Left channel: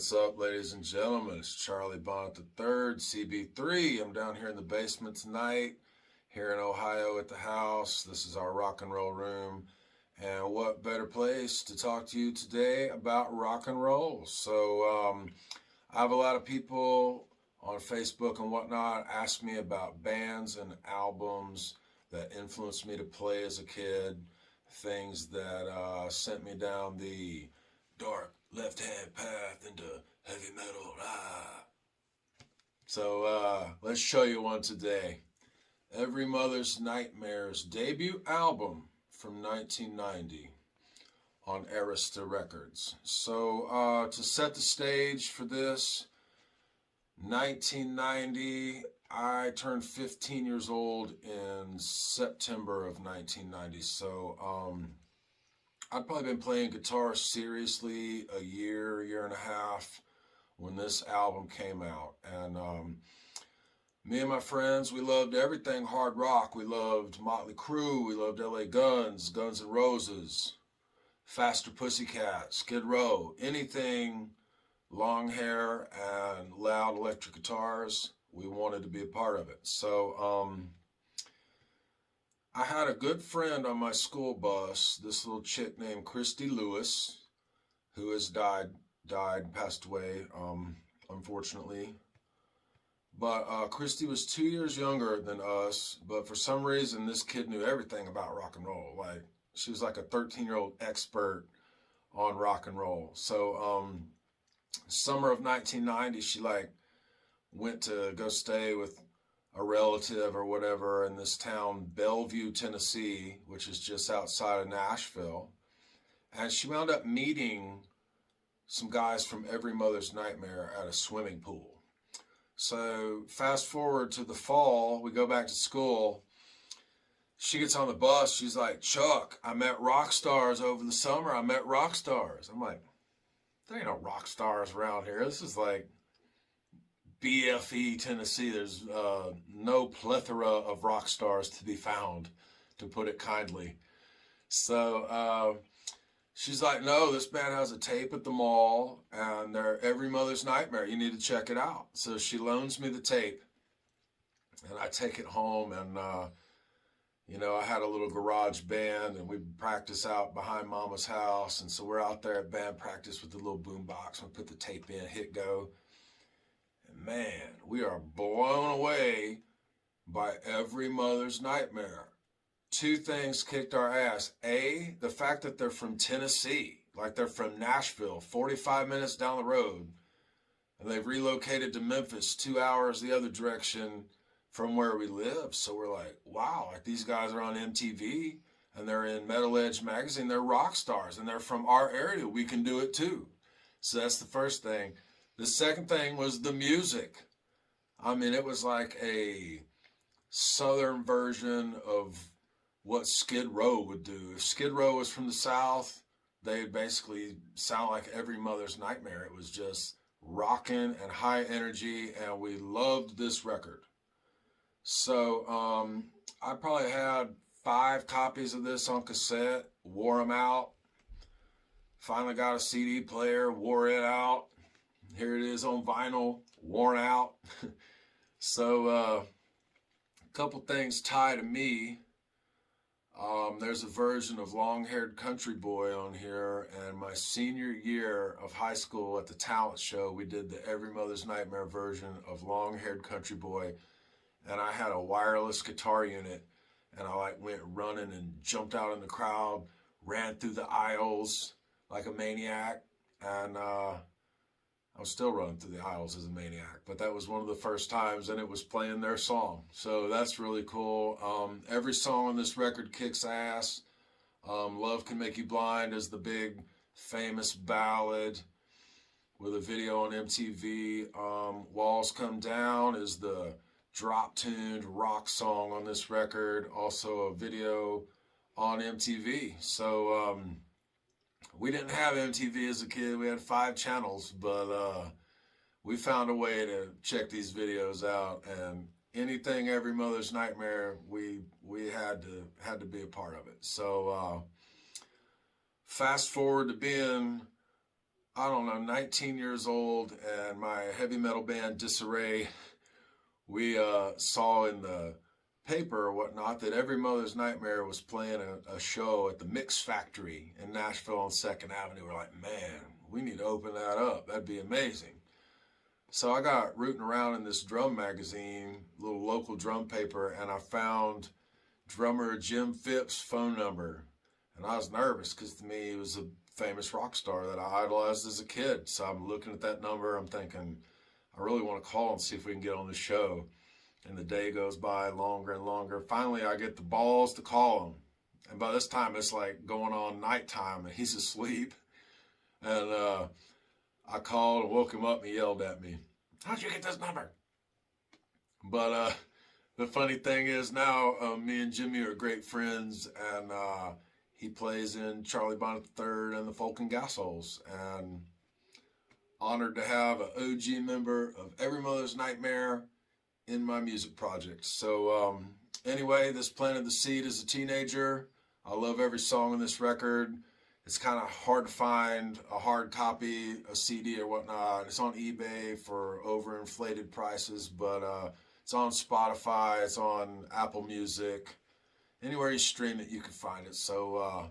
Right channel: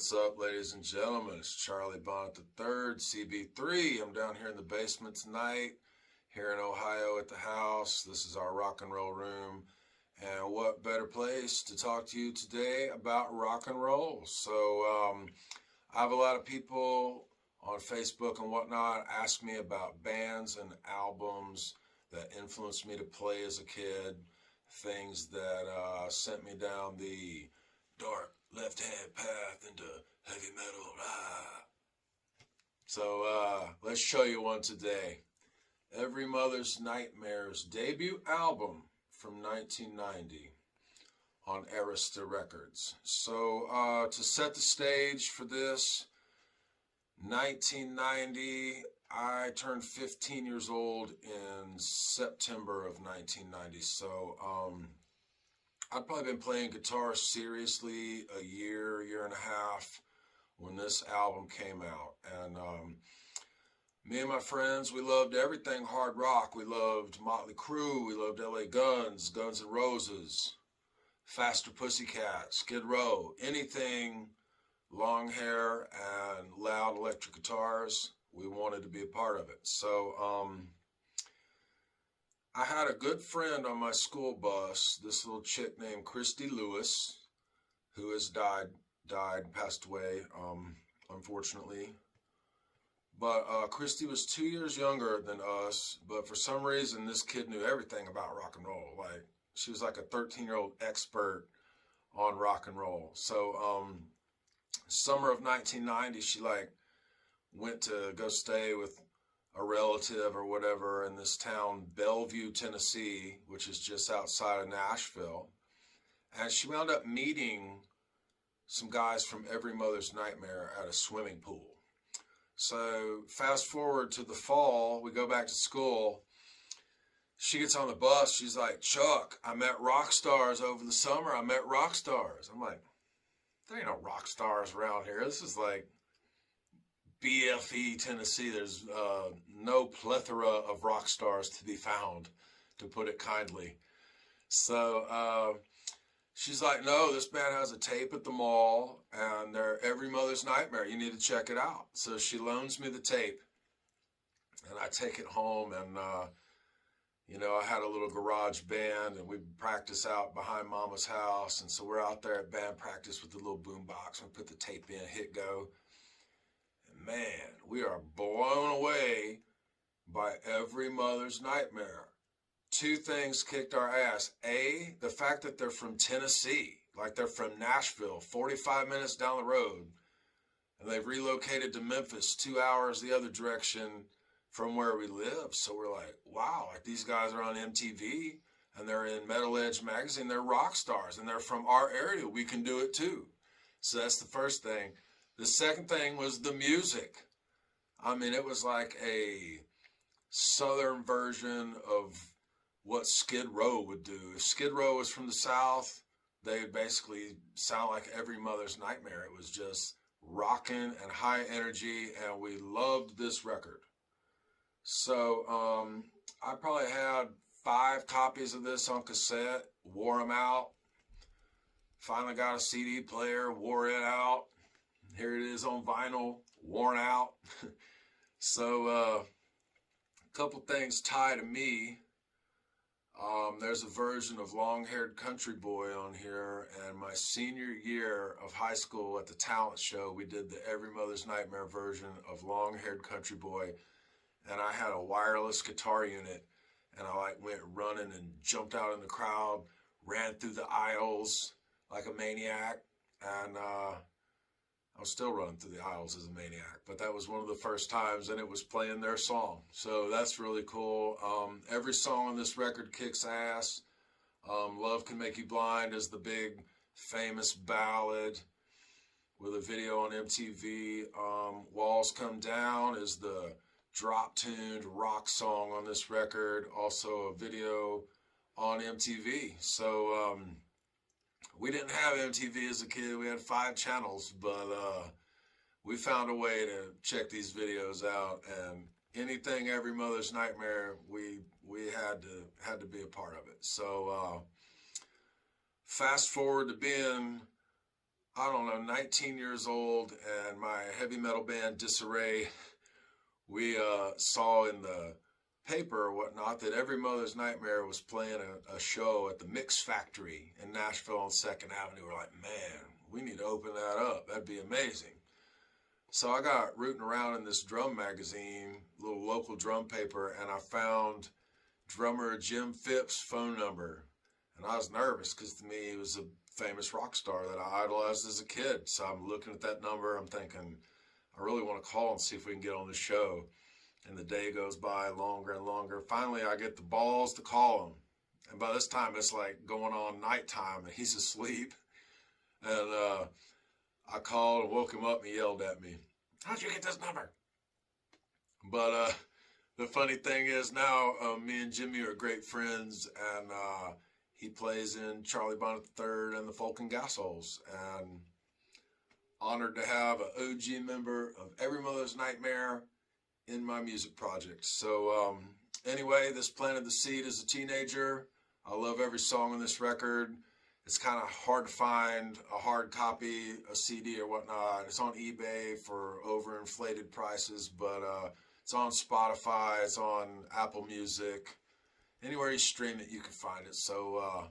What's up, ladies and gentlemen? It's Charlie Bonnet III, CB3. I'm down here in the basement tonight, here in Ohio at the house. This is our rock and roll room. And what better place to talk to you today about rock and roll? So I have a lot of people on Facebook and whatnot ask me about bands and albums that influenced me to play as a kid, things that sent me down the dark left-hand path into heavy metal. So let's show you one today. Every Mother's Nightmare's debut album from 1990 on Arista Records. So to set the stage for this, 1990, I turned 15 years old in September of 1990. So I'd probably been playing guitar seriously a year and a half when this album came out. And me and my friends, we loved everything hard rock. We loved Motley Crue, we loved LA Guns, Guns N' Roses, Faster Pussycat, Skid Row, anything long hair and loud electric guitars, we wanted to be a part of it. So I had a good friend on my school bus, this little chick named Christy Lewis, who has passed away, unfortunately. But Christy was 2 years younger than us, but for some reason, this kid knew everything about rock and roll. Like, she was like a 13-year-old expert on rock and roll. So summer of 1990, she went to go stay with a relative or whatever in this town, Bellevue, Tennessee, which is just outside of Nashville. And she wound up meeting some guys from Every Mother's Nightmare at a swimming pool. So fast forward to the fall, we go back to school. She gets on the bus. She's like, "Chuck, I met rock stars over the summer. I met rock stars." I'm like, there ain't no rock stars around here. This is like BFE, Tennessee. There's no plethora of rock stars to be found, to put it kindly. So she's like, "No, this band has a tape at the mall, and they're Every Mother's Nightmare. You need to check it out." So she loans me the tape, and I take it home, and I had a little garage band, and we'd practice out behind Mama's house, and so we're out there at band practice with the little boom box. We put the tape in, hit go. Man, we are blown away by Every Mother's Nightmare. Two things kicked our ass. A, the fact that they're from Tennessee, like they're from Nashville, 45 minutes down the road, and they've relocated to Memphis, 2 hours the other direction from where we live. So we're like, wow, like these guys are on MTV, and they're in Metal Edge magazine. They're rock stars, and they're from our area. We can do it too. So that's the first thing. The second thing was the music. I mean, it was like a southern version of what Skid Row would do. If Skid Row was from the South, they'd basically sound like Every Mother's Nightmare. It was just rocking and high energy, and we loved this record. So I probably had 5 copies of this on cassette, wore them out, finally got a CD player, wore it out. Here it is on vinyl, worn out. So a couple things tie to me. There's a version of Long-Haired Country Boy on here, and my senior year of high school at the talent show, we did the Every Mother's Nightmare version of Long-Haired Country Boy, and I had a wireless guitar unit, and I went running and jumped out in the crowd, ran through the aisles like a maniac, and I was still running through the aisles as a maniac, but that was one of the first times, and it was playing their song. So that's really cool. Every song on this record kicks ass. Love Can Make You Blind is the big famous ballad with a video on MTV. Walls Come Down is the drop-tuned rock song on this record. Also a video on MTV. So we didn't have MTV as a kid. We had 5 channels, but we found a way to check these videos out, and anything Every Mother's Nightmare, we had to be a part of it. So fast forward to being I don't know, 19 years old, and my heavy metal band Disarray, we saw in the paper or whatnot that Every Mother's Nightmare was playing a show at the Mix Factory in Nashville on 2nd Avenue. We're like, man, we need to open that up. That'd be amazing. So I got rooting around in this drum magazine, little local drum paper, and I found drummer Jim Phipps' phone number. And I was nervous because to me he was a famous rock star that I idolized as a kid. So I'm looking at that number, I'm thinking, I really want to call and see if we can get on the show. And the day goes by longer and longer. Finally, I get the balls to call him. And by this time, it's like going on nighttime and he's asleep. And I called and woke him up and he yelled at me, "How'd you get this number?" But the funny thing is now me and Jimmy are great friends, and he plays in Charlie Bonnet III and the Folk and Gas Holes. And honored to have an OG member of Every Mother's Nightmare in my music project. So anyway, this planted the seed as a teenager. I love every song on this record. It's kind of hard to find a hard copy, a CD or whatnot. It's on eBay for overinflated prices, but it's on Spotify, it's on Apple Music. Anywhere you stream it, you can find it. So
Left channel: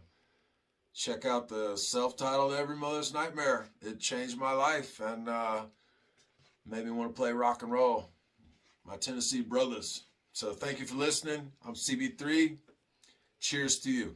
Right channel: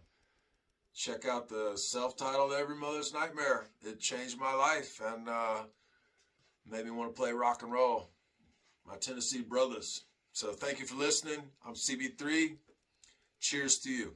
check out the self-titled Every Mother's Nightmare. It changed my life and made me want to play rock and roll. My Tennessee brothers. So thank you for listening. I'm CB3. Cheers to you.